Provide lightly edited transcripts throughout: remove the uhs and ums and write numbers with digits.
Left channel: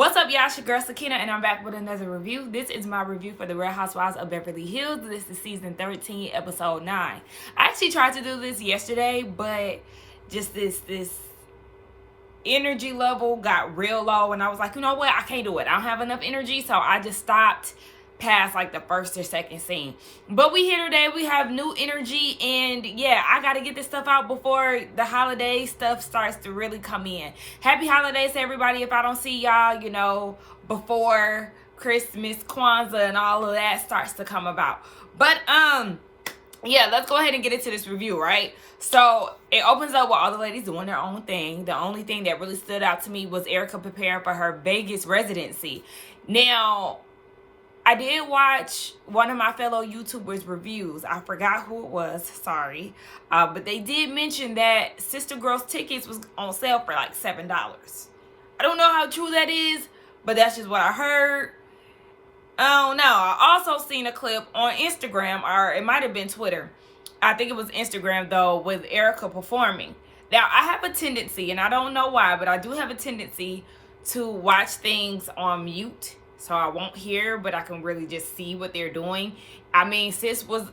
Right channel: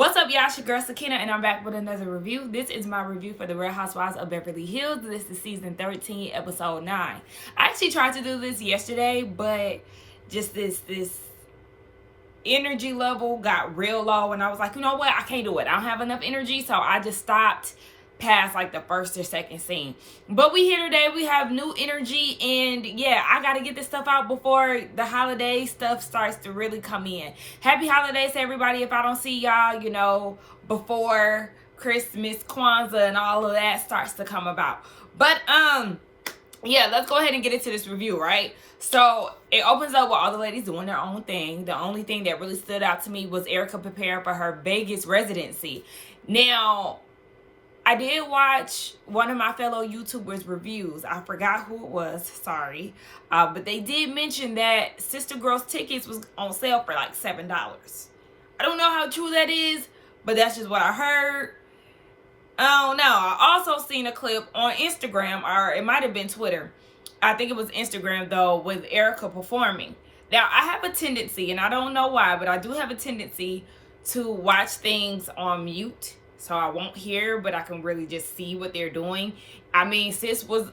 What's up, y'all? It's your girl Sakina, and I'm back with another review. This is my review for the Real Housewives of Beverly Hills. This is season 13, episode 9. I actually tried to do this yesterday, but just this energy level got real low, and I was like, you know what? I can't do it. I don't have enough energy, so I just stopped past like the first or second scene. But we here today. We have new energy, and yeah, I gotta get this stuff out before the holiday stuff starts to really come in. Happy holidays to everybody if I don't see y'all, you know, before Christmas, Kwanzaa, and all of that starts to come about. But yeah, let's go ahead and get into this review, right? So it opens up with all the ladies doing their own thing. The only thing that really stood out to me was Erica preparing for her Vegas residency. Now, I did watch one of my fellow YouTubers' reviews. I forgot who it was, sorry. But they did mention that Sister Girl's tickets was on sale for like $7. I don't know how true that is, but that's just what I heard. I don't know. I also seen a clip on Instagram, or it might have been Twitter. I think it was Instagram, though, with Erica performing. Now, I have a tendency, and I don't know why, but I do have a tendency to watch things on mute. So I won't hear, but I can really just see what they're doing. I mean, sis was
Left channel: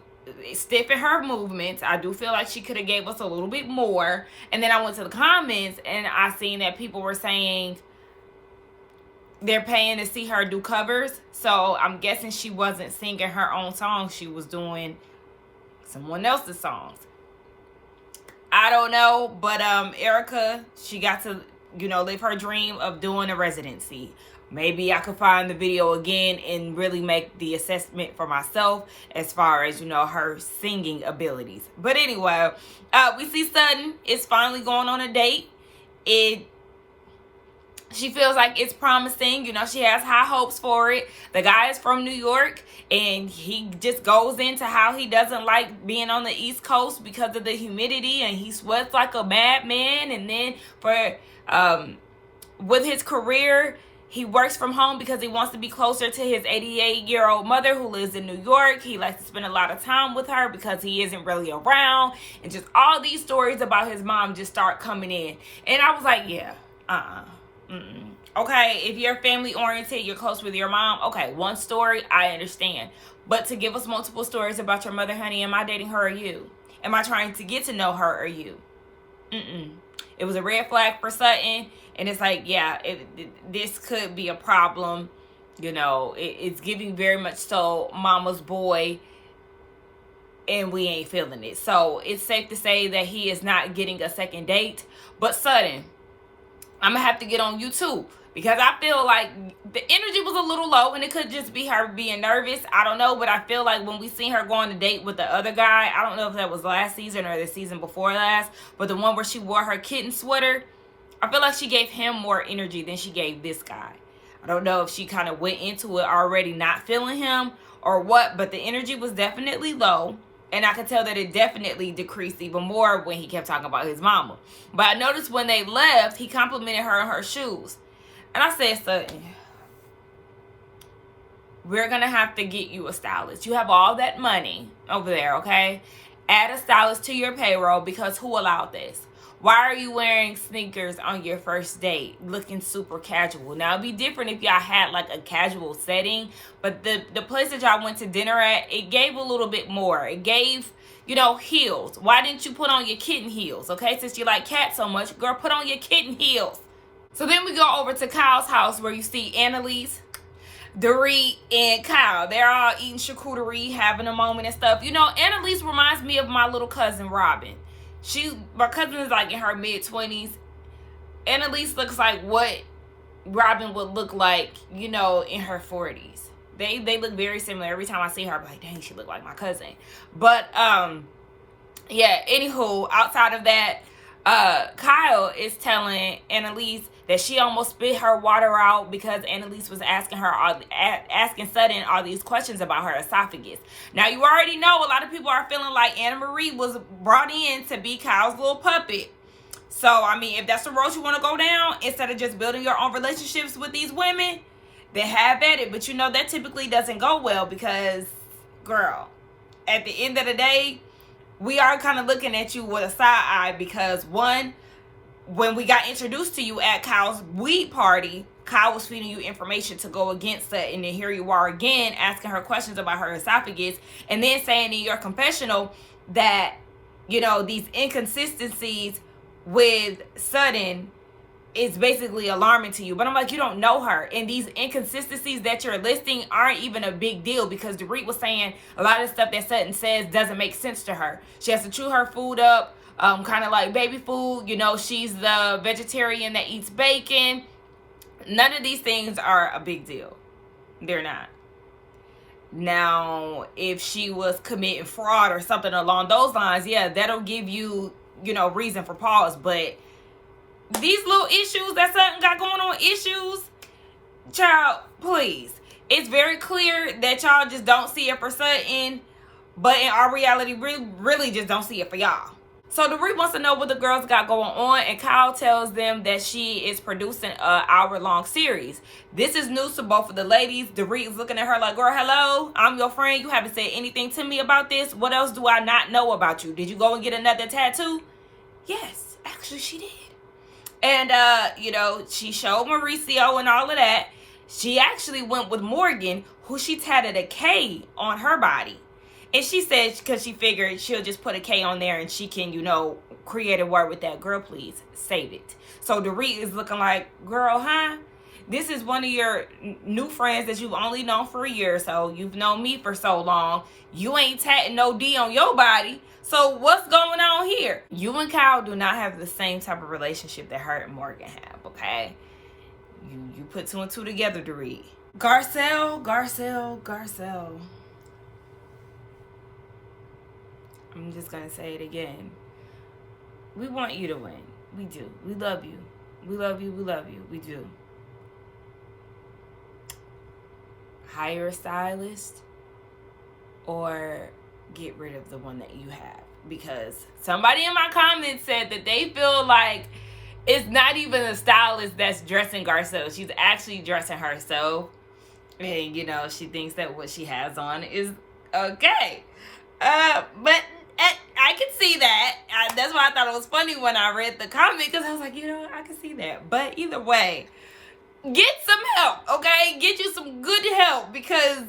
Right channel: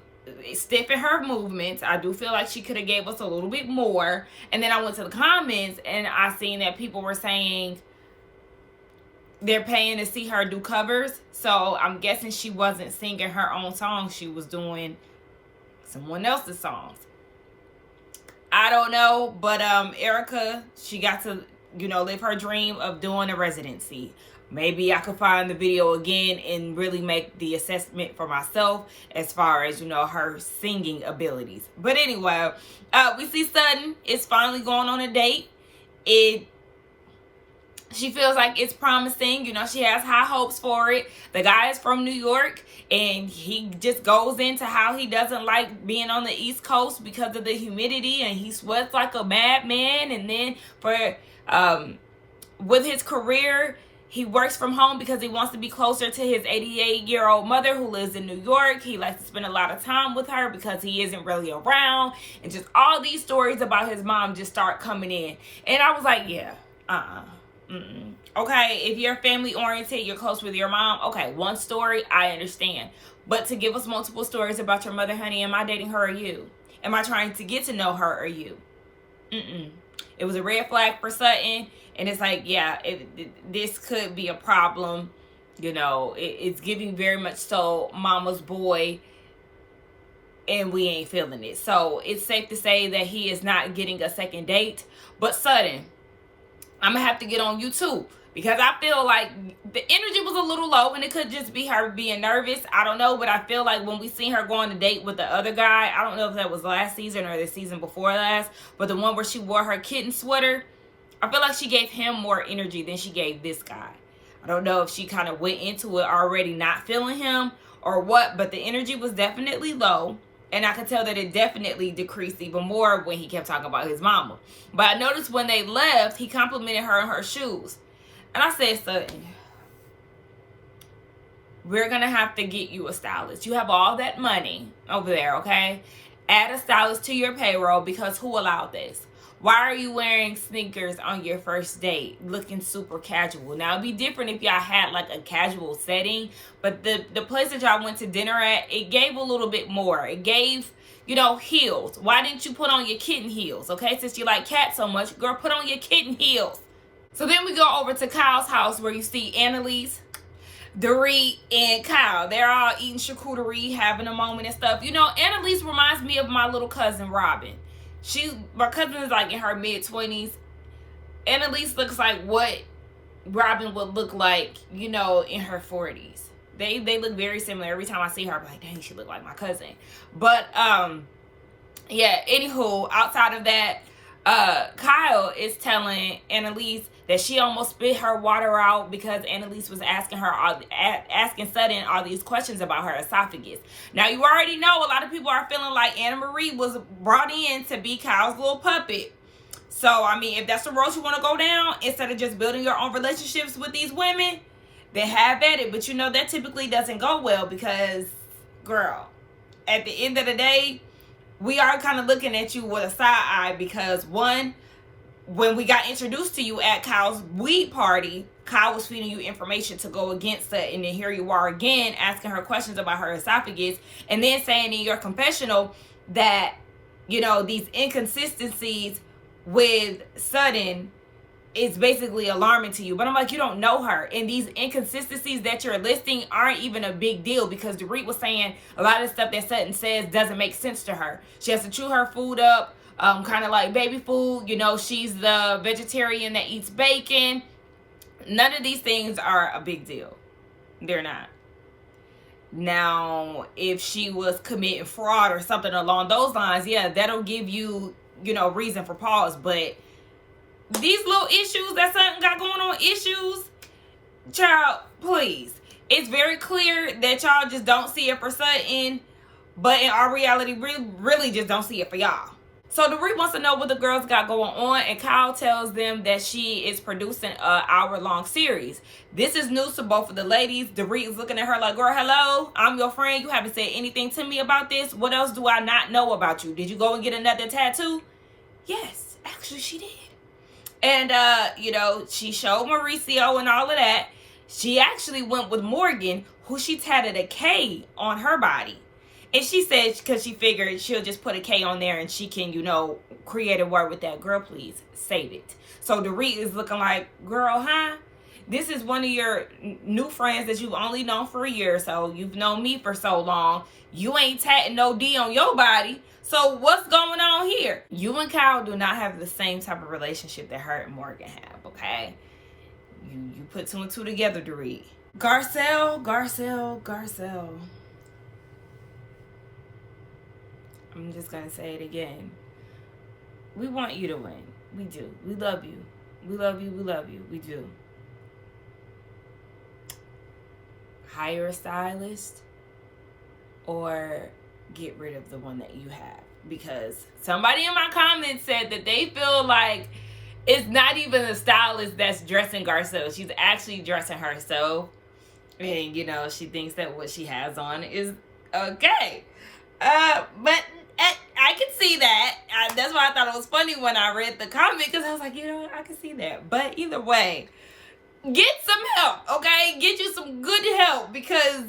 stiff in her movements. I do feel like she could have gave us a little bit more. And then I went to the comments, and I seen that people were saying they're paying to see her do covers. So I'm guessing she wasn't singing her own songs. She was doing someone else's songs. I don't know, but Erica, she got to, you know, live her dream of doing a residency. Maybe I could find the video again and really make the assessment for myself as far as, you know, her singing abilities. But anyway, we see Sutton is finally going on a date. She feels like it's promising. You know, she has high hopes for it. The guy is from New York, and he just goes into how he doesn't like being on the East Coast because of the humidity, and he sweats like a madman. And then with his career, he works from home because he wants to be closer to his 88-year-old mother who lives in New York. He likes to spend a lot of time with her because he isn't really around. And just all these stories about his mom just start coming in. And I was like, yeah, okay, if you're family oriented, you're close with your mom, okay, one story, I understand. But to give us multiple stories about your mother, honey, am I dating her or you? Am I trying to get to know her or you? It was a red flag for Sutton. And it's like, yeah, this could be a problem. You know, it's giving very much so mama's boy, and we ain't feeling it. So it's safe to say that he is not getting a second date. But Sutton, I'm going to have to get on you too, because I feel like the energy was a little low, and it could just be her being nervous. I don't know, but I feel like when we seen her go on a date with the other guy, I don't know if that was last season or the season before last, but the one where she wore her kitten sweater, I feel like she gave him more energy than she gave this guy. I don't know if she kind of went into it already not feeling him or what, but the energy was definitely low. And I could tell that it definitely decreased even more when he kept talking about his mama. But I noticed when they left, he complimented her on her shoes. And I said, Sutton, we're going to have to get you a stylist. You have all that money over there, okay? Add a stylist to your payroll, because who allowed this? Why are you wearing sneakers on your first date, looking super casual? Now, it'd be different if y'all had like a casual setting, but the place that y'all went to dinner at, it gave a little bit more. It gave, you know, heels. Why didn't you put on your kitten heels? Okay, since you like cats so much, girl, put on your kitten heels. So then we go over to Kyle's house, where you see Annalise, Dorit, and Kyle. They're all eating charcuterie, having a moment and stuff. You know, Annalise reminds me of my little cousin, Robin. My cousin is like in her mid-20s. Annalise looks like what Robin would look like, you know, in her 40s. They look very similar. Every time I see her, I'm like, dang, she look like my cousin. But, yeah, anywho, outside of that, Kyle is telling Annalise that she almost spit her water out because Annalise was asking Sutton all these questions about her esophagus. Now, you already know a lot of people are feeling like Anna Marie was brought in to be Kyle's little puppet. So, I mean, if that's the road you want to go down, instead of just building your own relationships with these women, then have at it. But you know, that typically doesn't go well because, girl, at the end of the day, we are kind of looking at you with a side eye because, one, when we got introduced to you at Kyle's weed party, Kyle was feeding you information to go against it, and then here you are again asking her questions about her esophagus, and then saying in your confessional that, you know, these inconsistencies with Sutton is basically alarming to you. But I'm like, you don't know her, and these inconsistencies that you're listing aren't even a big deal, because Dorit was saying a lot of stuff that Sutton says doesn't make sense to her. She has to chew her food up, kind of like baby food. You know, she's the vegetarian that eats bacon. None of these things are a big deal. They're not. Now, if she was committing fraud or something along those lines, yeah, that'll give you, you know, reason for pause. But these little issues that Sutton got going on, child, please. It's very clear that y'all just don't see it for Sutton, but in our reality, really just don't see it for y'all. So Dorit wants to know what the girls got going on, and Kyle tells them that she is producing an hour-long series. This is news to both of the ladies. Dorit is looking at her like, girl, hello, I'm your friend. You haven't said anything to me about this. What else do I not know about you? Did you go and get another tattoo? Yes, actually she did. And, you know, she showed Mauricio and all of that. She actually went with Morgan, who she tatted a K on her body. And she said, because she figured she'll just put a K on there and she can, you know, create a word with that. Girl, please, save it. So Dorit is looking like, girl, huh? This is one of your new friends that you've only known for a year. So you've known me for so long. You ain't tatting no D on your body. So what's going on here? You and Kyle do not have the same type of relationship that her and Morgan have, okay? You put two and two together, Dorit. Garcelle. I'm just going to say it again. We want you to win. We do. We love you. We love you. We love you. We do. Hire a stylist or get rid of the one that you have. Because somebody in my comments said that they feel like it's not even a stylist that's dressing Garcelle. She's actually dressing herself. And, you know, she thinks that what she has on is okay. But I can see that. That's why I thought it was funny when I read the comment, because I was like, you know, I can see that. But either way, get some help, okay? Get you some good help, because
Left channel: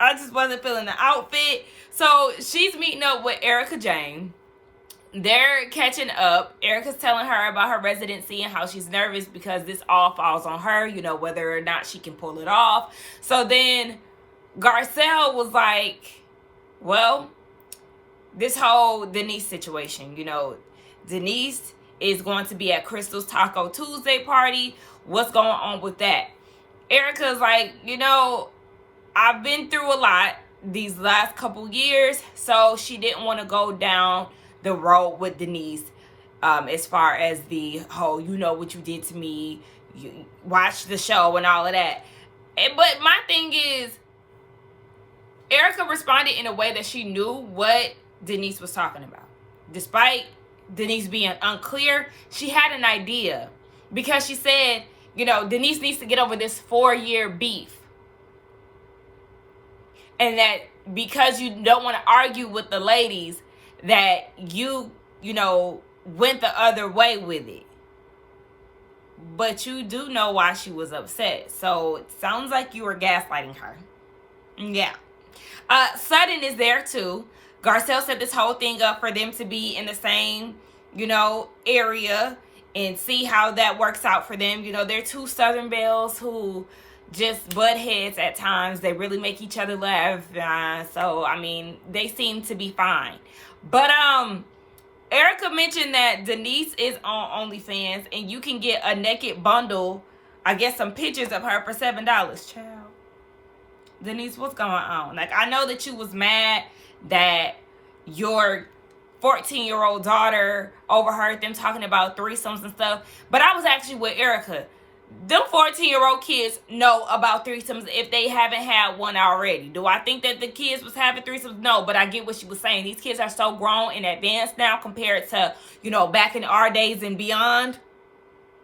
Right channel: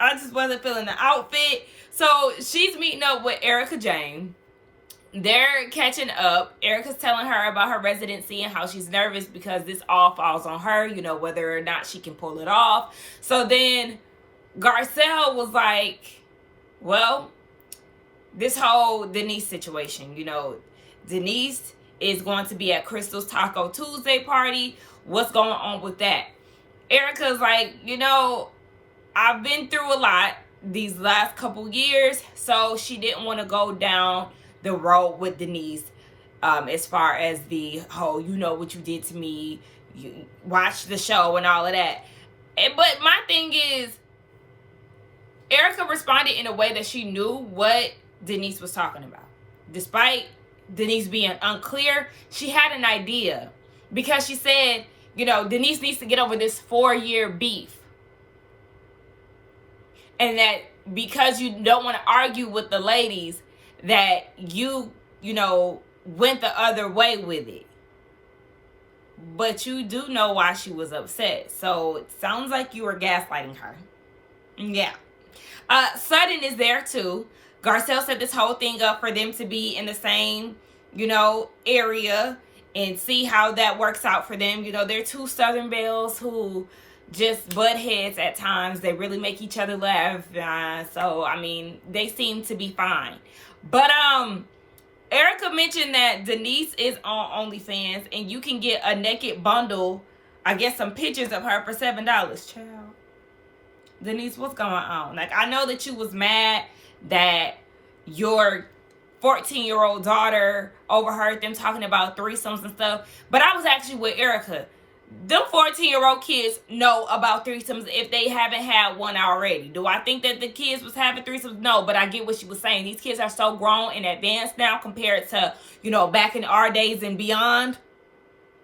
I just wasn't feeling the outfit. So she's meeting up with Erica Jane. They're catching up. Erica's telling her about her residency and how she's nervous because this all falls on her, you know, whether or not she can pull it off. So then Garcelle was like, well, this whole Denise situation, you know, Denise is going to be at Crystal's Taco Tuesday party. What's going on with that? Erica's like, you know, I've been through a lot these last couple years, so she didn't want to go down the road with Denise as far as the whole, you know what you did to me, you watch the show and all of that. But my thing is, Erica responded in a way that she knew what Denise was talking about. Despite Denise being unclear, she had an idea, because she said, you know, Denise needs to get over this 4-year beef. And that because you don't want to argue with the ladies, that you know, went the other way with it. But you do know why she was upset. So it sounds like you were gaslighting her. Yeah. Sutton is there too. Garcelle set this whole thing up for them to be in the same, you know, area and see how that works out for them. You know, they're two Southern belles who just butt heads at times. They really make each other laugh. So, I mean, they seem to be fine. But, Erica mentioned that Denise is on OnlyFans and you can get a naked bundle, I guess some pictures of her for $7. Child. Denise, what's going on? Like, I know that you was mad that your 14-year-old daughter overheard them talking about threesomes and stuff, but I was actually with Erica. Them 14-year-old kids know about threesomes if they haven't had one already. Do I think that the kids was having threesomes? No, but I get what she was saying. These kids are so grown and advanced now compared to, you know, back in our days and beyond.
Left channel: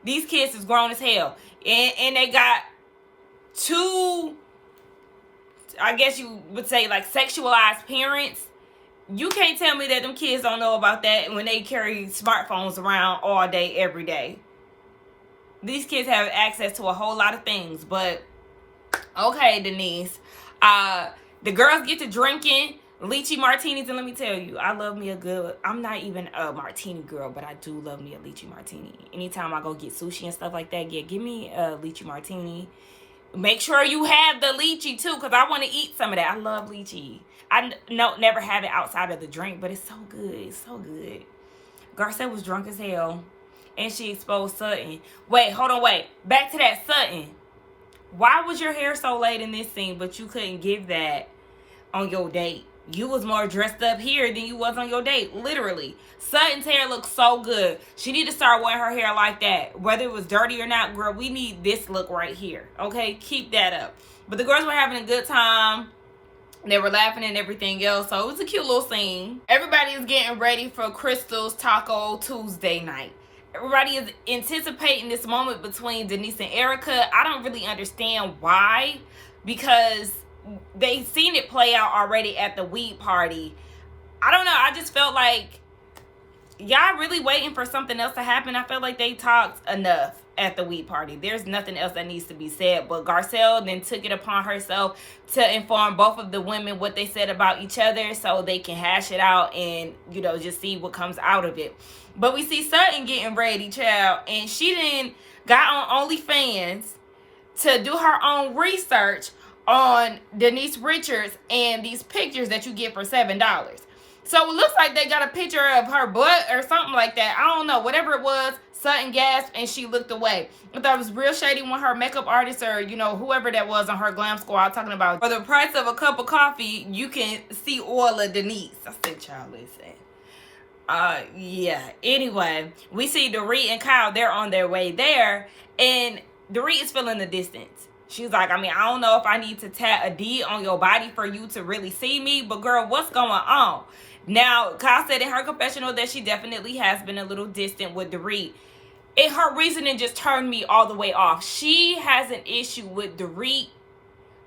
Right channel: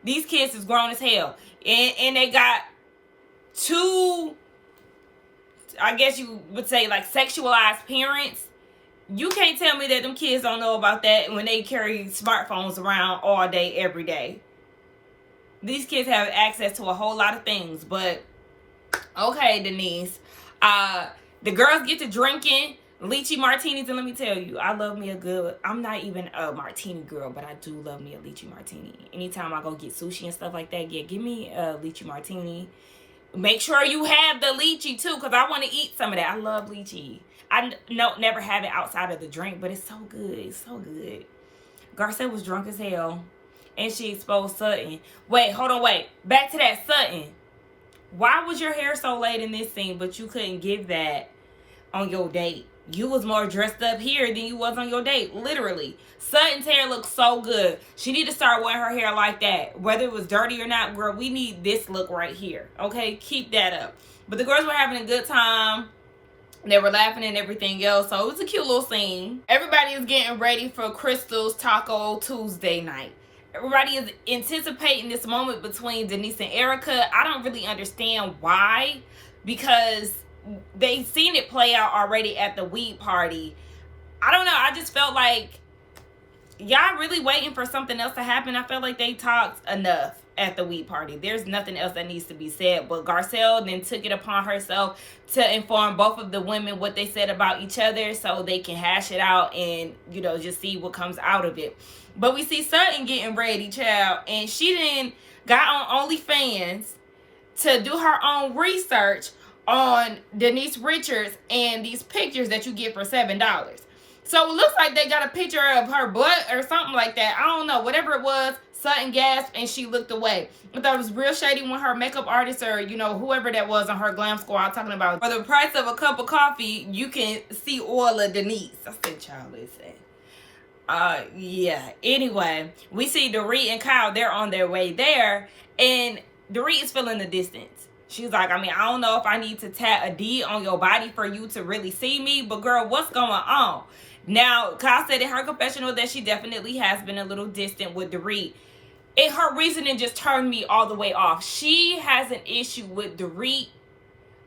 These kids is grown as hell. And they got two, I guess you would say, like, sexualized parents. You can't tell me that them kids don't know about that when they carry smartphones around all day, every day. These kids have access to a whole lot of things, but okay, Denise. The girls get to drinking lychee martinis, and let me tell you, I love me a good, I'm not even a martini girl, but I do love me a lychee martini. Anytime I go get sushi and stuff like that, yeah, give me a lychee martini. Make sure you have the lychee too, because I want to eat some of that. I love lychee. I never have it outside of the drink, but it's so good. It's so good. Garcelle was drunk as hell, and she exposed Sutton. Wait, hold on, wait. Back to that Sutton. Why was your hair so late in this scene, but you couldn't give that on your date? You was more dressed up here than you was on your date, literally. Sutton's hair looks so good. She need to start wearing her hair like that. Whether it was dirty or not, girl, we need this look right here, okay? Keep that up. But the girls were having a good time. They were laughing and everything else, so it was a cute little scene. Everybody is getting ready for Crystal's Taco Tuesday night. Everybody is anticipating this moment between Denise and Erica. I don't really understand why, because they've seen it play out already at the weed party. I don't know. I just felt like y'all really waiting for something else to happen. I felt like they talked enough at the weed party. There's nothing else that needs to be said. But Garcelle then took it upon herself to inform both of the women what they said about each other so they can hash it out and, you know, just see what comes out of it. But we see Sutton getting ready, child, and she then got on OnlyFans to do her own research on Denise Richards and these pictures that you get for $7. So it looks like they got a picture of her butt or something like that. I don't know. Whatever it was, Sutton gasped and she looked away. I thought it was real shady when her makeup artist or, you know, whoever that was on her glam squad talking about, for the price of a cup of coffee, you can see all of Denise. I said, child, listen. Yeah. Anyway, we see Dorit and Kyle, they're on their way there, and Dorit is feeling the distance. She's like, I mean, I don't know if I need to tat a D on your body for you to really see me, but girl, what's going on? Now, Kyle said in her confessional that she definitely has been a little distant with Dorit. And her reasoning just turned me all the way off. She has an issue with Dorit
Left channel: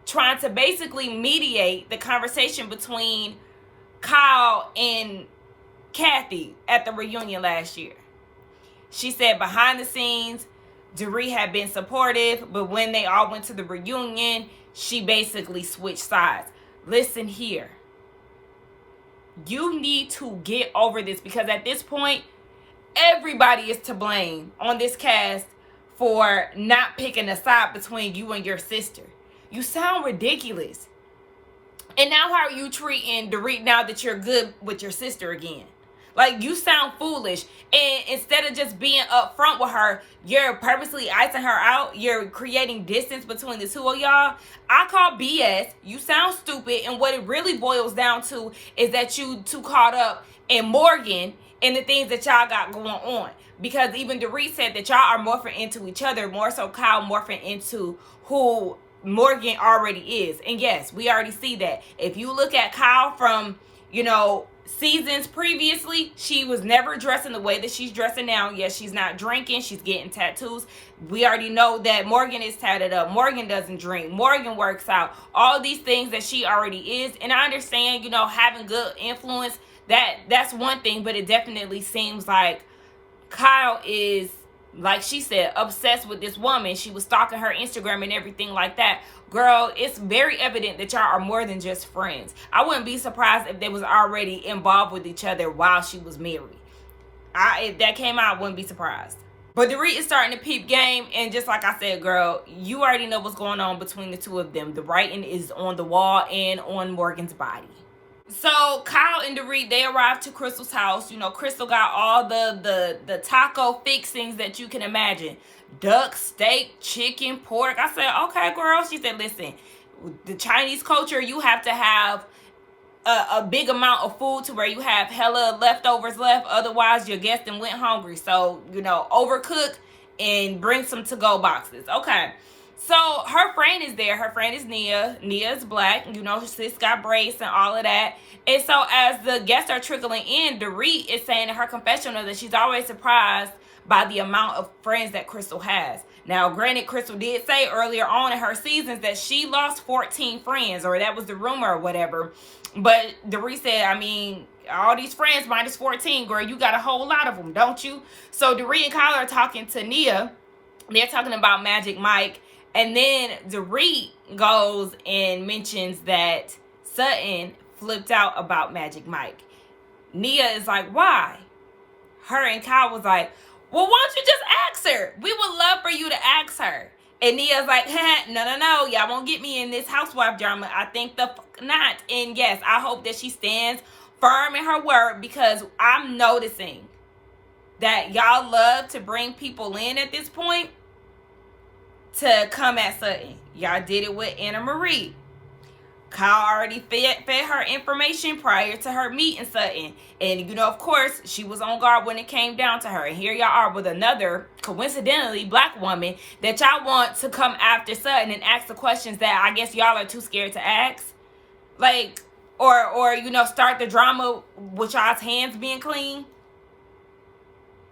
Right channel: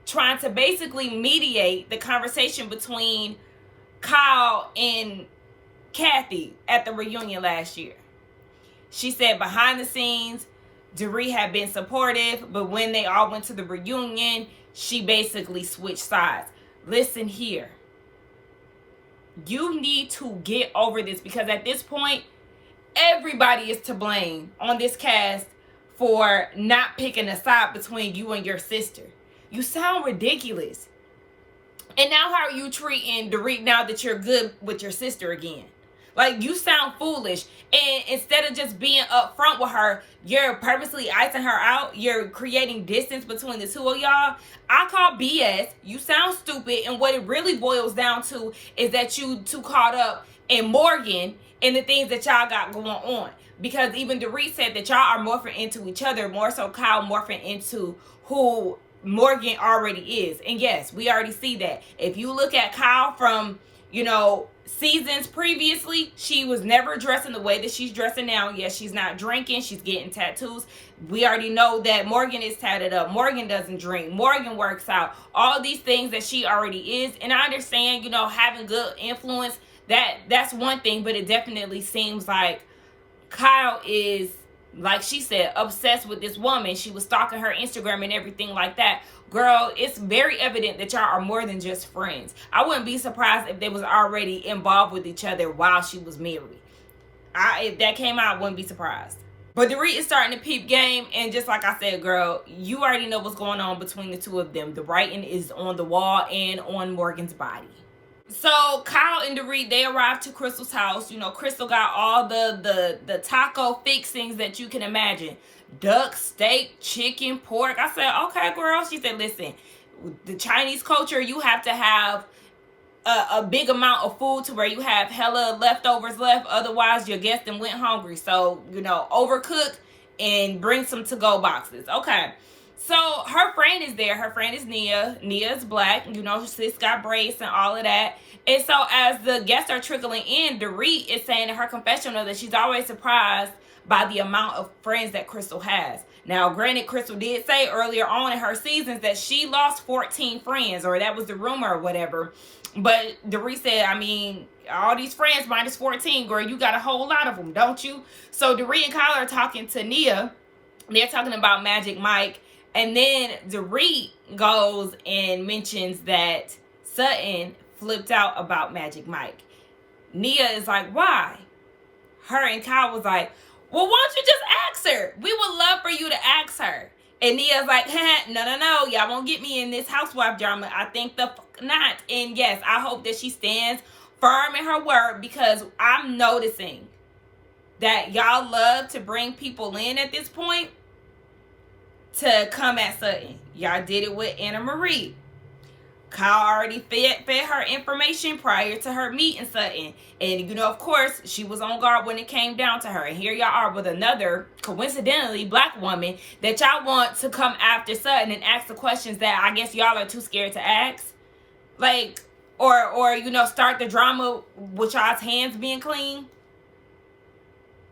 trying to basically mediate the conversation between Kyle and Kathy at the reunion last year. She said behind the scenes, Dorit had been supportive, but when they all went to the reunion, she basically switched sides. Listen here. You need to get over this, because at this point, everybody is to blame on this cast for not picking a side between you and your sister. You sound ridiculous. And now how are you treating Dorit now that you're good with your sister again? Like, you sound foolish. And instead of just being upfront with her, you're purposely icing her out. You're creating distance between the two of y'all. I call BS. You sound stupid. And what it really boils down to is that you too caught up in Morgan and the things that y'all got going on. Because even Dorit said that y'all are morphing into each other, more so Kyle morphing into who Morgan already is. And yes, we already see that. If you look at Kyle from, you know, seasons previously, she was never dressing the way that she's dressing now. Yes, she's not drinking. She's getting tattoos. We already know that Morgan is tatted up. Morgan doesn't drink. Morgan works out. All these things that she already is. And I understand, you know, having good influence, that's one thing. But it definitely seems like Kyle is, like she said, obsessed with this woman. She was stalking her Instagram and everything like that. Girl, it's very evident that y'all are more than just friends. I wouldn't be surprised if they was already involved with each other while she was married. If that came out, I wouldn't be surprised. But Dorit is starting to peep game. And just like I said, girl, you already know what's going on between the two of them. The writing is on the wall and on Morgan's body. So Kyle and Dorit, they arrived to Crystal's house. You know, Crystal got all the taco fixings that you can imagine. Duck, steak, chicken, pork. I said, okay, girl. She said, listen, the Chinese culture, you have to have a big amount of food to where you have hella leftovers left. Otherwise, your guest went hungry. So, you know, overcook and bring some to-go boxes. Okay. So her friend is there. Her friend is Nia. Nia is black. You know, sis got braids and all of that. And so as the guests are trickling in, Dorit is saying in her confessional that she's always surprised by the amount of friends that Crystal has. Now, granted, Crystal did say earlier on in her seasons that she lost 14 friends, or that was the rumor or whatever. But Dorit said, I mean, all these friends minus 14, girl, you got a whole lot of them, don't you? So Dorit and Kyle are talking to Nia, they're talking about Magic Mike. And then Dorit goes and mentions that Sutton flipped out about Magic Mike. Nia is like, why? Her and Kyle was like, well, why don't you just ask her? We would love for you to ask her. And Nia's like, no. Y'all won't get me in this housewife drama. I think the fuck not. And yes, I hope that she stands firm in her word, because I'm noticing that y'all love to bring people in at this point to come at Sutton. Y'all did it with Anna Marie. Kyle already fed her information prior to her meeting Sutton. And, you know, of course, she was on guard when it came down to her. And here y'all are with another, coincidentally, black woman that y'all want to come after Sutton and ask the questions that I guess y'all are too scared to ask. Like, or you know, start the drama with y'all's hands being clean.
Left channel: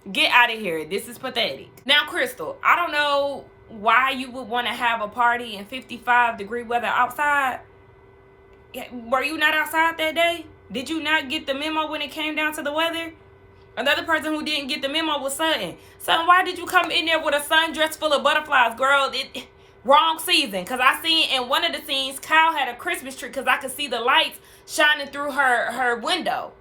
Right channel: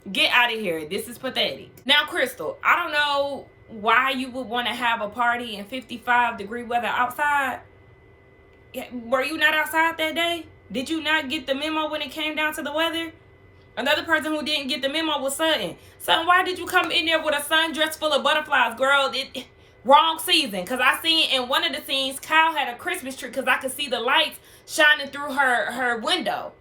Get out of here. This is pathetic. Now, Crystal, I don't know why you would want to have a party in 55-degree weather outside. Were you not outside that day? Did you not get the memo when it came down to the weather? Another person who didn't get the memo was Sutton. Sutton, why did you come in there with a sundress full of butterflies, girl? Wrong season. Because I seen in one of the scenes, Kyle had a Christmas tree because I could see the lights shining through her window.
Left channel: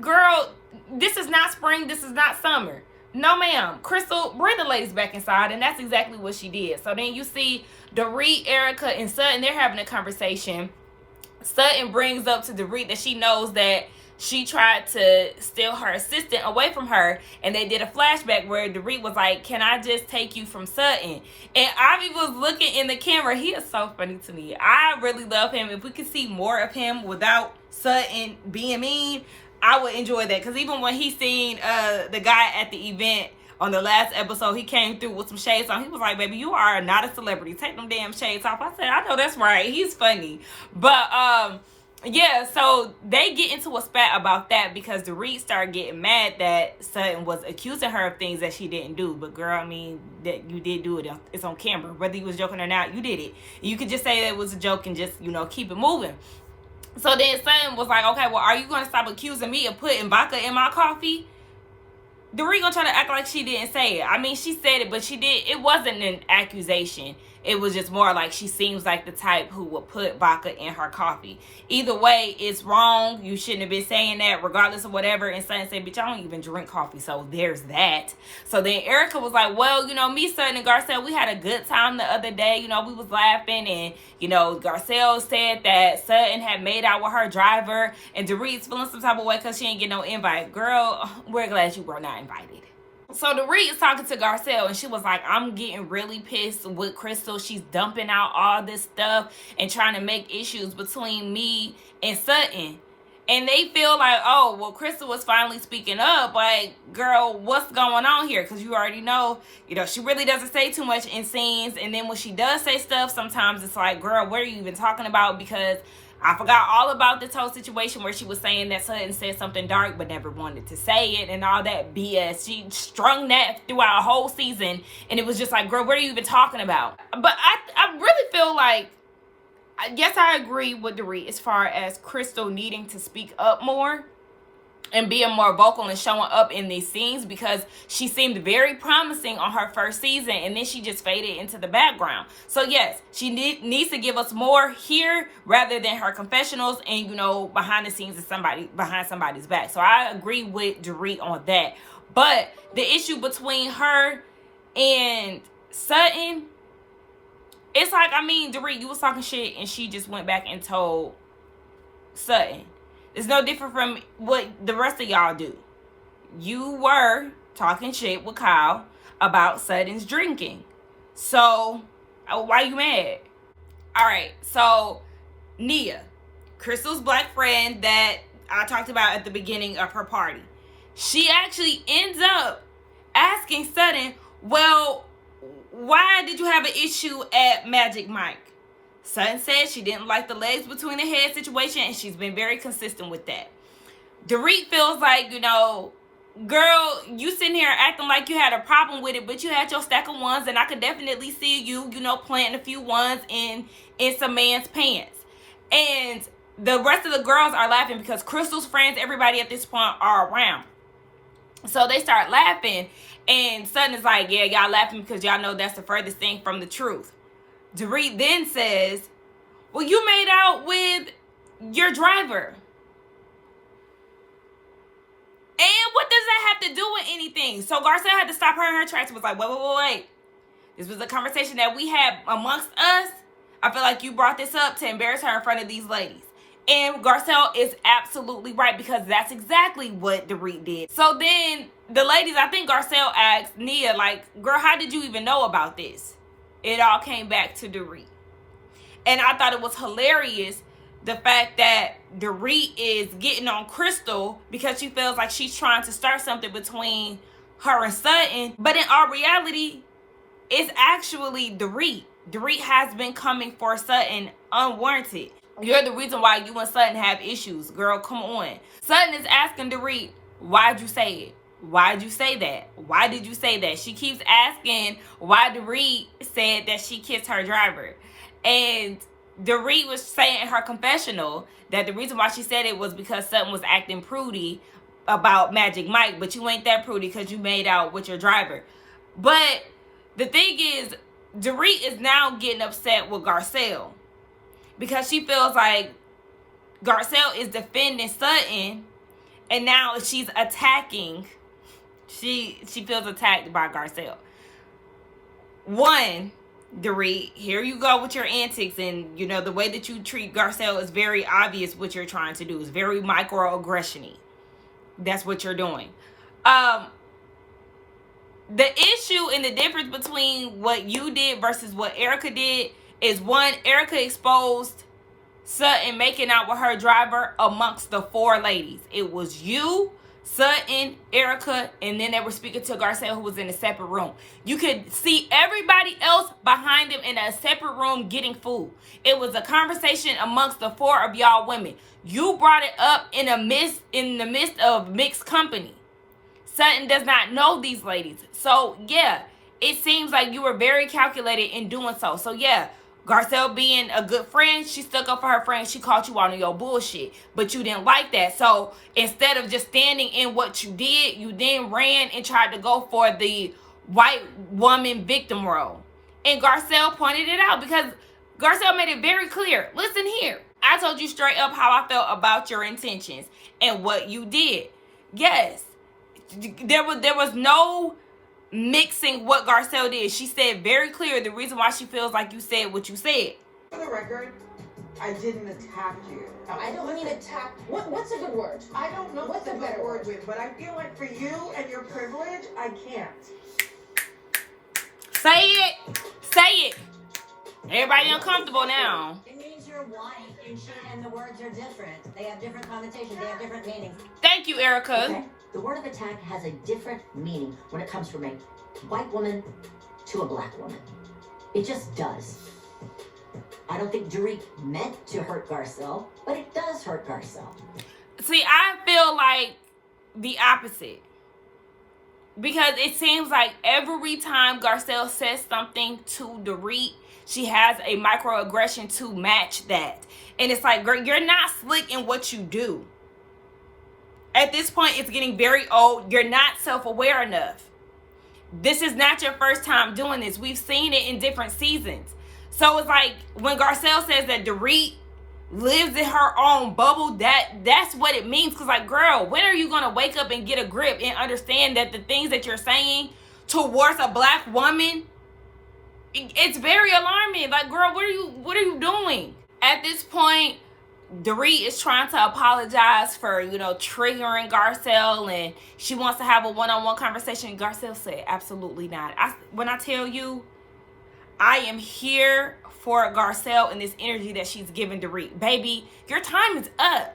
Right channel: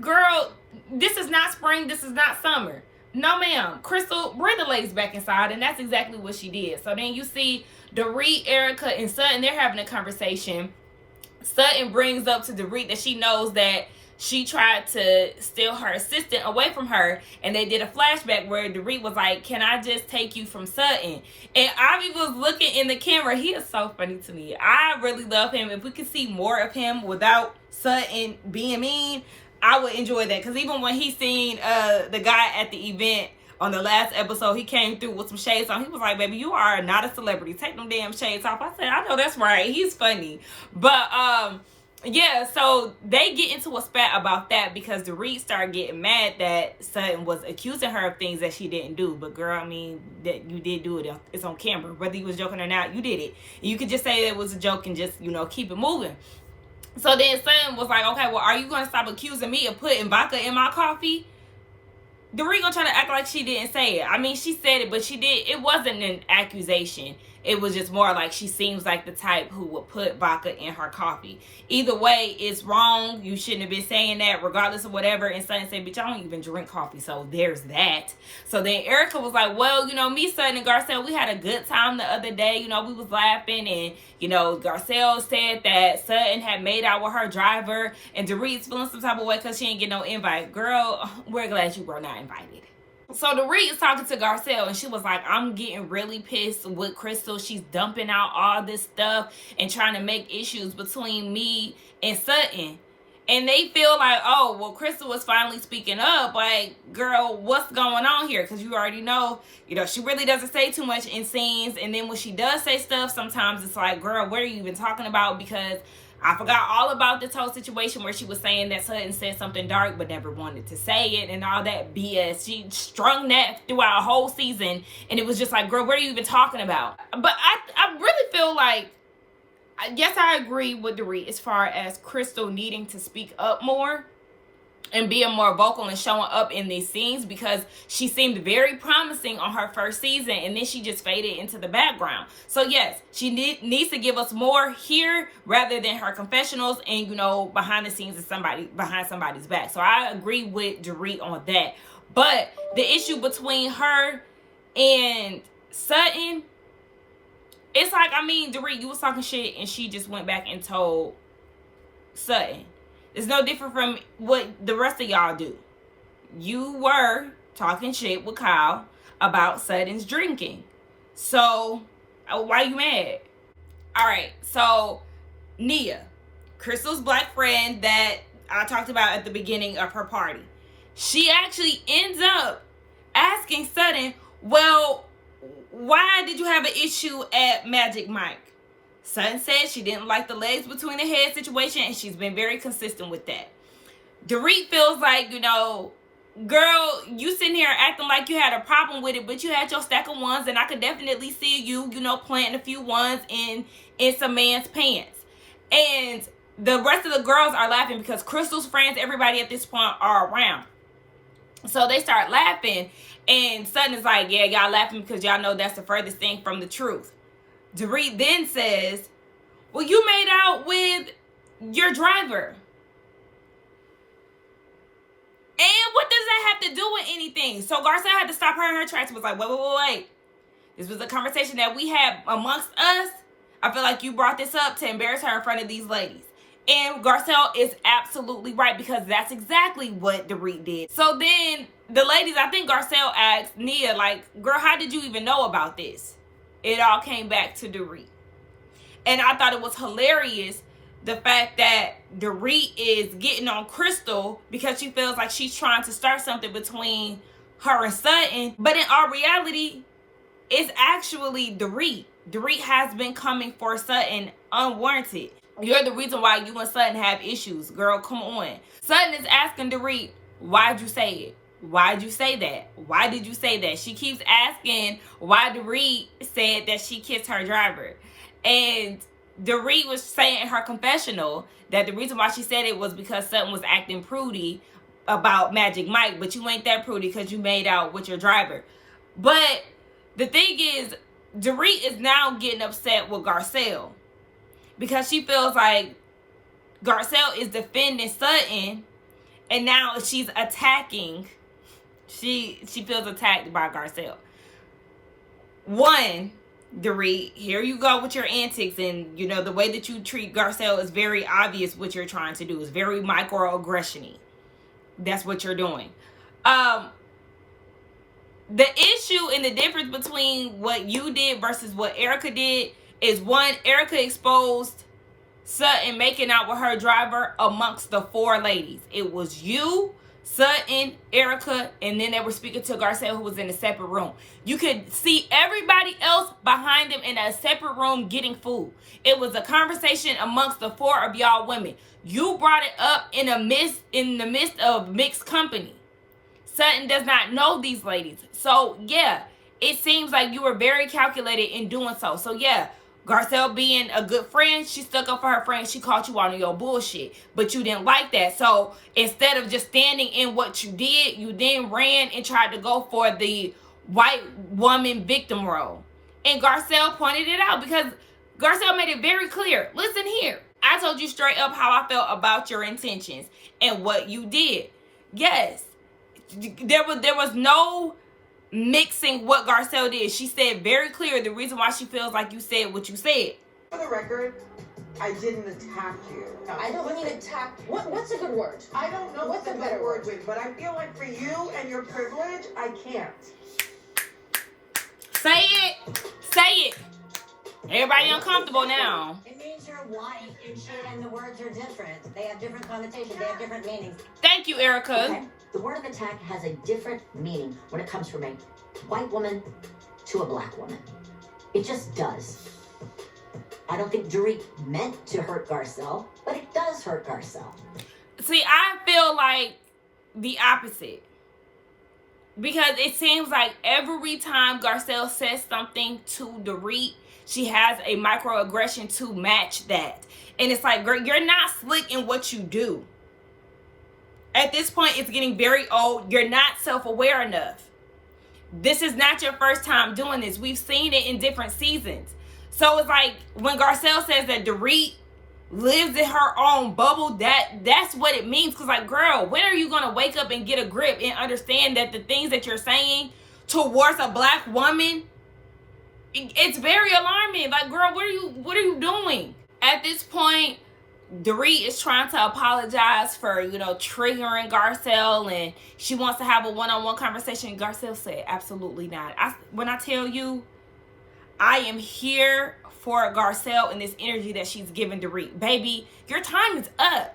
Girl, this is not spring. This is not summer. No, ma'am. Crystal, bring the ladies back inside. And that's exactly what she did. So then you see Dorit, Erica, and Sutton. They're having a conversation. Sutton brings up to Dorit that she knows that she tried to steal her assistant away from her. And they did a flashback where Dorit was like, can I just take you from Sutton? And Ivy was looking in the camera. He is so funny to me. I really love him. If we could see more of him without Sutton being mean, I would enjoy that. Because even when he seen the guy at the event on the last episode, he came through with some shades on. He was like, baby, you are not a celebrity. Take them damn shades off. I said, I know that's right. He's funny. But, yeah, so they get into a spat about that because Dorit started getting mad that Sutton was accusing her of things that she didn't do. But, girl, I mean, that you did do it. It's on camera. Whether you was joking or not, you did it. You could just say it was a joke and just, you know, keep it moving. So then Sutton was like, okay, well, are you going to stop accusing me of putting vodka in my coffee? Dorit gonna try to act like she didn't say it. I mean, she said it, but she did. It wasn't an accusation. It was just more like she seems like the type who would put vodka in her coffee. Either way, it's wrong. You shouldn't have been saying that, regardless of whatever. And Sutton said, bitch, I don't even drink coffee. So there's that. So then Erica was like, well, you know, me, Sutton, and Garcelle, we had a good time the other day. You know, we was laughing. And, you know, Garcelle said that Sutton had made out with her driver. And Dorit's feeling some type of way because she ain't get no invite. Girl, we're glad you were not invited. So Dorit is talking to Garcelle, and she was like, I'm getting really pissed with Crystal. She's dumping out all this stuff and trying to make issues between me and Sutton. And they feel like, oh, well, Crystal was finally speaking up. Like, girl, what's going on here? Because you already know, you know, she really doesn't say too much in scenes. And then when she does say stuff, sometimes it's like, girl, what are you even talking about? Because I forgot all about this whole situation where she was saying that Sutton said something dark but never wanted to say it and all that BS. She strung that throughout a whole season, and it was just like, girl, what are you even talking about? But I really feel like, yes, I agree with Dorit as far as Crystal needing to speak up more and being more vocal and showing up in these scenes, because she seemed very promising on her first season and then she just faded into the background. So yes, she needs to give us more here rather than her confessionals and, you know, behind the scenes of behind somebody's back. So I agree with Dorit on that. But the issue between her and Sutton, it's like, I mean, Dorit, you was talking shit and she just went back and told Sutton. It's no different from what the rest of y'all do. You were talking shit with Kyle about Sutton's drinking. So, why you mad? Alright, so Nia, Crystal's black friend that I talked about at the beginning of her party. She actually ends up asking Sutton, well, why did you have an issue at Magic Mike? Sutton said she didn't like the legs between the head situation, and she's been very consistent with that. Dorit feels like, you know, girl, you sitting here acting like you had a problem with it, but you had your stack of ones, and I could definitely see you, you know, planting a few ones in some man's pants. And the rest of the girls are laughing because Crystal's friends, everybody at this point, are around. So they start laughing, And Sutton is like, yeah, y'all laughing because y'all know that's the furthest thing from the truth. Dorit then says, well, you made out with your driver. And what does that have to do with anything? So Garcelle had to stop her in her tracks and was like, wait. This was a conversation that we had amongst us. I feel like you brought this up to embarrass her in front of these ladies. And Garcelle is absolutely right, because that's exactly what Dorit did. So then the ladies, I think Garcelle asked Nia, like, girl, how did you even know about this? It all came back to Dorit. And I thought it was hilarious, the fact that Dorit is getting on Crystal because she feels like she's trying to start something between her and Sutton. But in all reality, it's actually Dorit. Dorit has been coming for Sutton unwarranted. You're the reason why you and Sutton have issues. Girl, come on. Sutton is asking Dorit, why'd you say it? Why'd you say that? Why did you say that? She keeps asking why Dorit said that she kissed her driver. And Dorit was saying in her confessional that the reason why she said it was because Sutton was acting prudy about Magic Mike. But you ain't that prudy because you made out with your driver. But the thing is, Dorit is now getting upset with Garcelle, because she feels like Garcelle is defending Sutton, and now she's attacking. She feels attacked by Garcelle. One, Dorit, here you go with your antics, and you know the way that you treat Garcelle is very obvious. What you're trying to do is very microaggression-y. That's what you're doing. The issue and the difference between what you did versus what Erica did is, one, Erica exposed Sutton making out with her driver amongst the 4 ladies. It was you, Sutton, Erica, and then they were speaking to Garcelle, who was in a separate room. You could see everybody else behind them in a separate room getting food. It was a conversation amongst the 4 of y'all women. You brought it up in the midst of mixed company. Sutton does not know these ladies. So, yeah, it seems like you were very calculated in doing so. So, yeah, Garcelle being a good friend, she stuck up for her friend. She caught you on your bullshit. But you didn't like that. So, instead of just standing in what you did, you then ran and tried to go for the white woman victim role. And Garcelle pointed it out, because Garcelle made it very clear. Listen here. I told you straight up how I felt about your intentions and what you did. Yes. There was no mixing what Garcelle did. She said very clear the reason why she feels like you said what you said. For the record, I didn't attack you. I don't mean attack. What's a good word? I don't know what's a better word with, but I feel like for you and your privilege, I can't. Say it. Say it. Everybody uncomfortable now. It means you're white and shit, and the words are different. They have different connotations. They have different meanings. Thank you, Erica. Okay. The word of attack has a different meaning when it comes from a white woman to a black woman. It just does. I don't think Dorit meant to hurt Garcelle, but it does hurt Garcelle. See, I feel like the opposite. Because it seems like every time Garcelle says something to Dorit, she has a microaggression to match that. And it's like, girl, you're not slick in what you do. At this point, it's getting very old. You're not self-aware enough. This is not your first time doing this. We've seen it in different seasons. So it's like when Garcelle says that Dorit lives in her own bubble, that's what it means. Because like, girl, when are you going to wake up and get a grip and understand that the things that you're saying towards a black woman, it's very alarming. Like, girl, what are you doing? At this point, Dorit is trying to apologize for, triggering Garcelle, and she wants to have a one-on-one conversation. Garcelle said, absolutely not. When I tell you, I am here for Garcelle and this energy that she's giving Dorit. Baby, your time is up.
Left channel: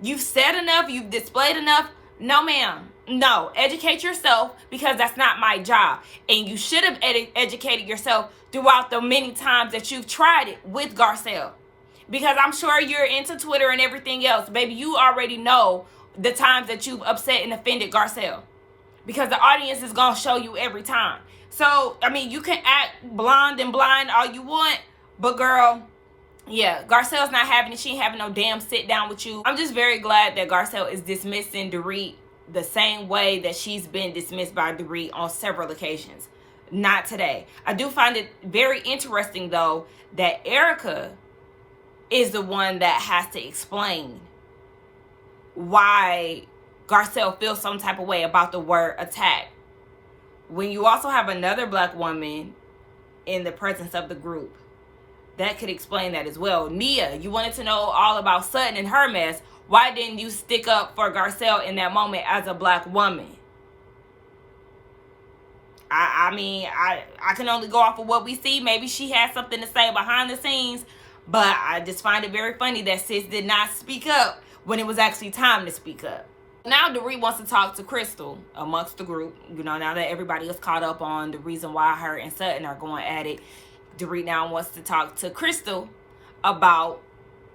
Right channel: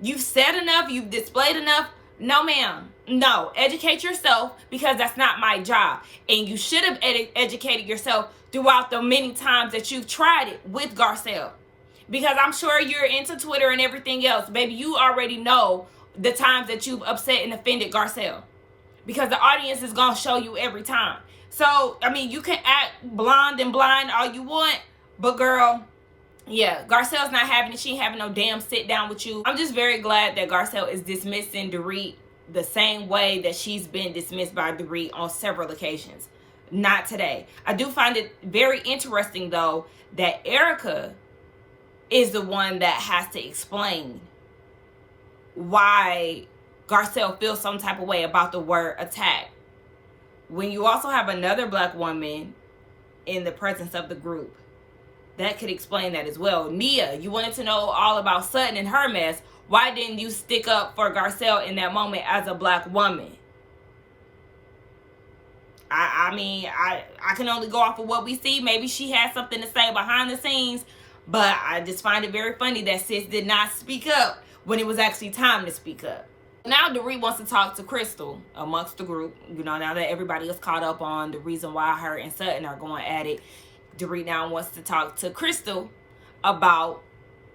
You've said enough. You've displayed enough. No, ma'am. No. Educate yourself, because that's not my job. And you should have educated yourself throughout the many times that you've tried it with Garcelle. Because I'm sure you're into Twitter and everything else. Baby, you already know the times that you've upset and offended Garcelle. Because the audience is going to show you every time. So, I mean, you can act blonde and blind all you want. But, girl, yeah, Garcelle's not having it. She ain't having no damn sit down with you. I'm just very glad that Garcelle is dismissing Dorit the same way that she's been dismissed by Dorit on several occasions. Not today. I do find it very interesting, though, that Erica is the one that has to explain why Garcelle feels some type of way about the word attack, when you also have another black woman in the presence of the group that could explain that as well. Nia, you wanted to know all about Sutton and her mess. Why didn't you stick up for Garcelle in that moment as a black woman? I mean, I can only go off of what we see. Maybe she had something to say behind the scenes, but I just find it very funny that sis did not speak up when it was actually time to speak up. Now Dorit wants to talk to Crystal amongst the group. You know, now that everybody is caught up on the reason why her and Sutton are going at it, Dorit now wants to talk to Crystal about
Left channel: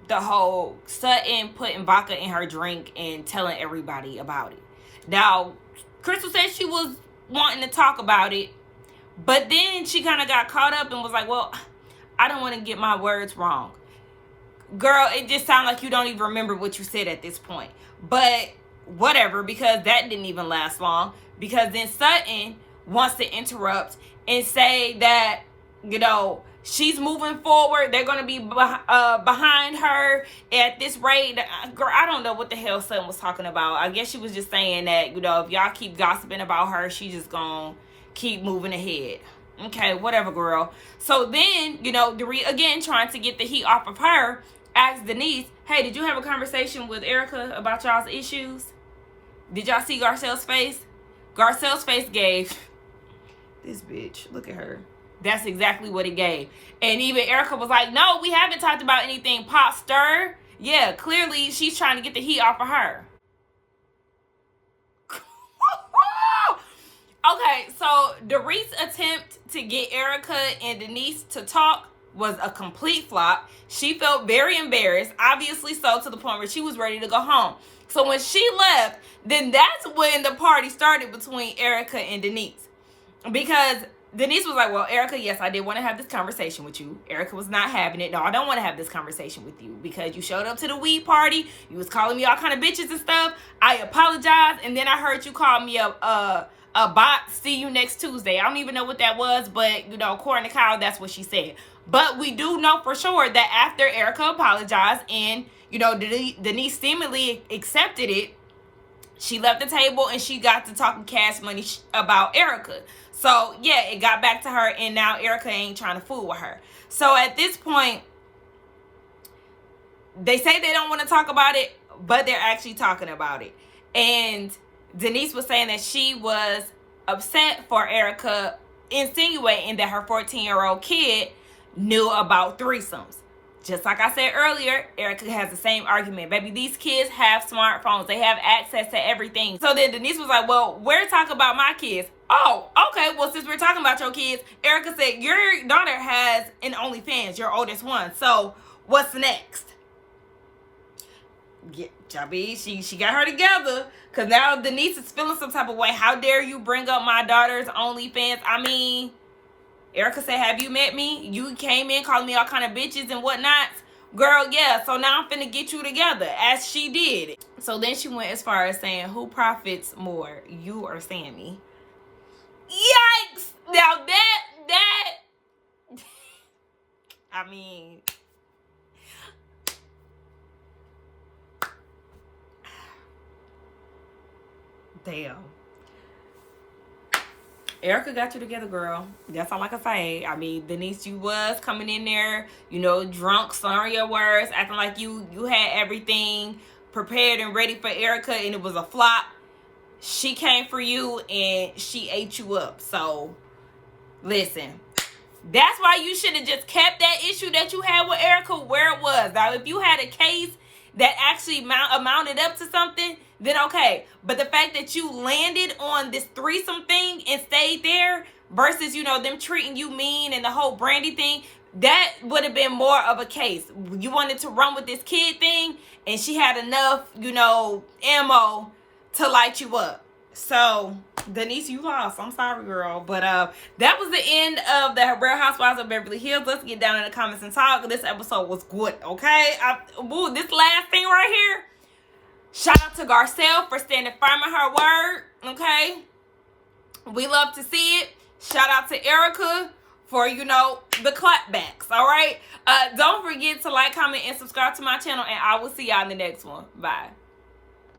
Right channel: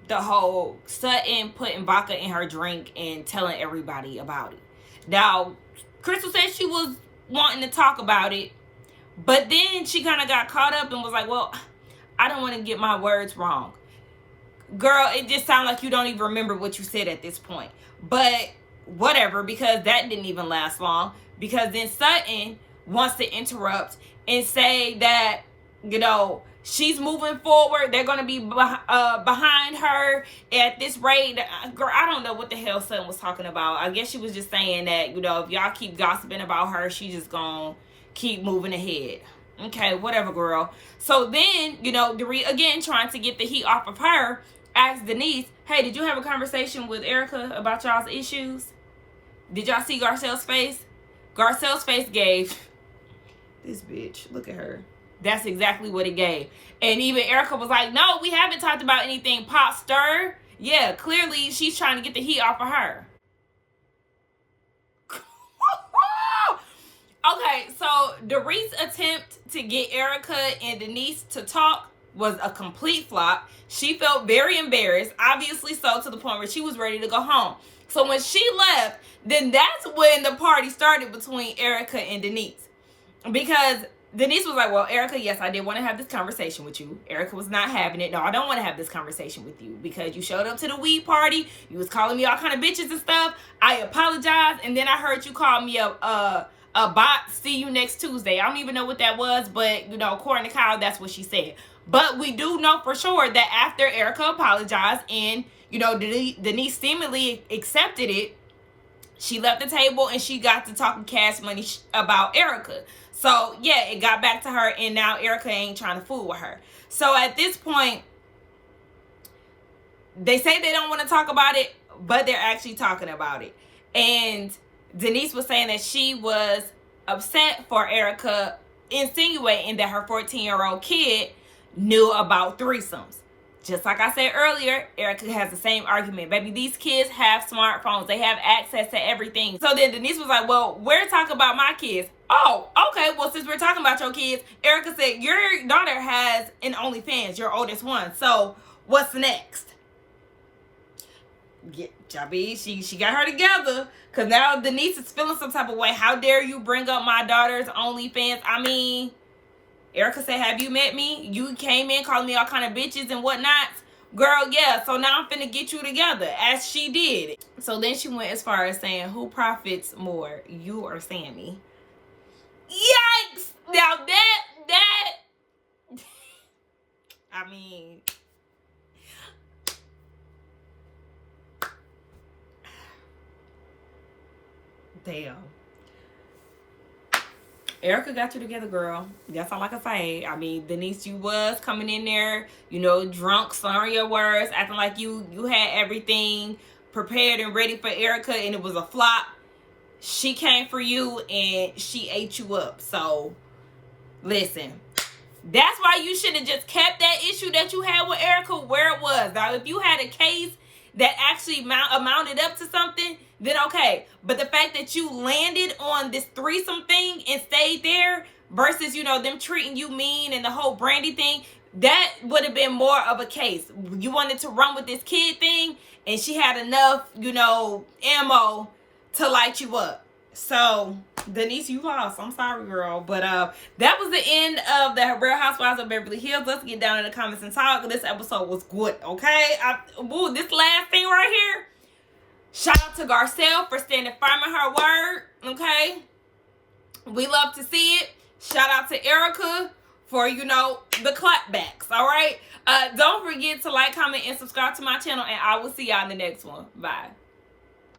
the whole Sutton putting vodka in her drink and telling everybody about it. Now, Crystal said she was wanting to talk about it, but then she kind of got caught up and was like, well, I don't want to get my words wrong. Girl, it just sounds like you don't even remember what you said at this point. But whatever, because that didn't even last long. Because then Sutton wants to interrupt and say that, you know, she's moving forward. They're going to be behind her at this rate. Girl, I don't know what the hell Sutton was talking about. I guess she was just saying that, you know, if y'all keep gossiping about her, she's just going to keep moving ahead. Okay, whatever, girl. So then, you know, Dorit, again, trying to get the heat off of her, asked Denise, hey, did you have a conversation with Erica about y'all's issues? Did y'all see Garcelle's face? Garcelle's face gave, this bitch, look at her. That's exactly what it gave. And even Erica was like, no, we haven't talked about anything pot stir. Yeah, clearly she's trying to get the heat off of her. Okay, so Dorit's attempt to get Erica and Denise to talk was a complete flop. She felt very embarrassed, obviously so, to the point where she was ready to go home. So when she left, then that's when the party started between Erica and Denise. Because Denise was like, well, Erica, yes, I did want to have this conversation with you. Erica was not having it. No, I don't want to have this conversation with you because you showed up to the weed party. You was calling me all kind of bitches and stuff. I apologize. And then I heard you call me a bot. See you next Tuesday. I don't even know what that was, but, you know, according to Kyle, that's what she said. But we do know for sure that after Erica apologized and, you know, Denise seemingly accepted it, she left the table and she got to talking cash money about Erica. So, yeah, it got back to her, and now Erica ain't trying to fool with her. So, at this point, they say they don't want to talk about it, but they're actually talking about it. And Denise was saying that she was upset for Erica insinuating that her 14-year-old kid knew about threesomes. Just like I said earlier, Erica has the same argument. Baby, these kids have smartphones. They have access to everything. So then Denise was like, well, we're talking about my kids. Oh, okay. Well, since we're talking about your kids, Erica said, your daughter has an OnlyFans, your oldest one. So what's next? Yeah, Jabi, she got her together. Because now Denise is feeling some type of way. How dare you bring up my daughter's OnlyFans? I mean, Erica said, have you met me? You came in calling me all kind of bitches and whatnot. Girl, yeah, so now I'm finna get you together, as she did. So then she went as far as saying, who profits more, you or Sammy? Yikes! Now that, I mean, damn. Erica got you together, girl. That's all I can say. I mean, Denise, you was coming in there, you know, drunk, slurring your words, acting like you had everything prepared and ready for Erica, and it was a flop. She came for you, and she ate you up. So, listen. That's why you should have just kept that issue that you had with Erica where it was. Now, if you had a case that actually amounted up to something, then okay. But the fact that you landed on this threesome thing and stayed there versus, you know, them treating you mean and the whole Brandy thing, that would have been more of a case. You wanted to run with this kid thing and she had enough, you know, ammo to light you up. So, Denise, you lost. I'm sorry, girl. But that was the end of the Real Housewives of Beverly Hills. Let's get down in the comments and talk. This episode was good, okay? This last thing right here, Shout out to Garcelle for standing firm in her word. Okay. We love to see it. Shout out to Erica for, you know, the clapbacks. All right. Don't forget to like, comment, and subscribe to my channel. And I will see y'all in the next one. Bye.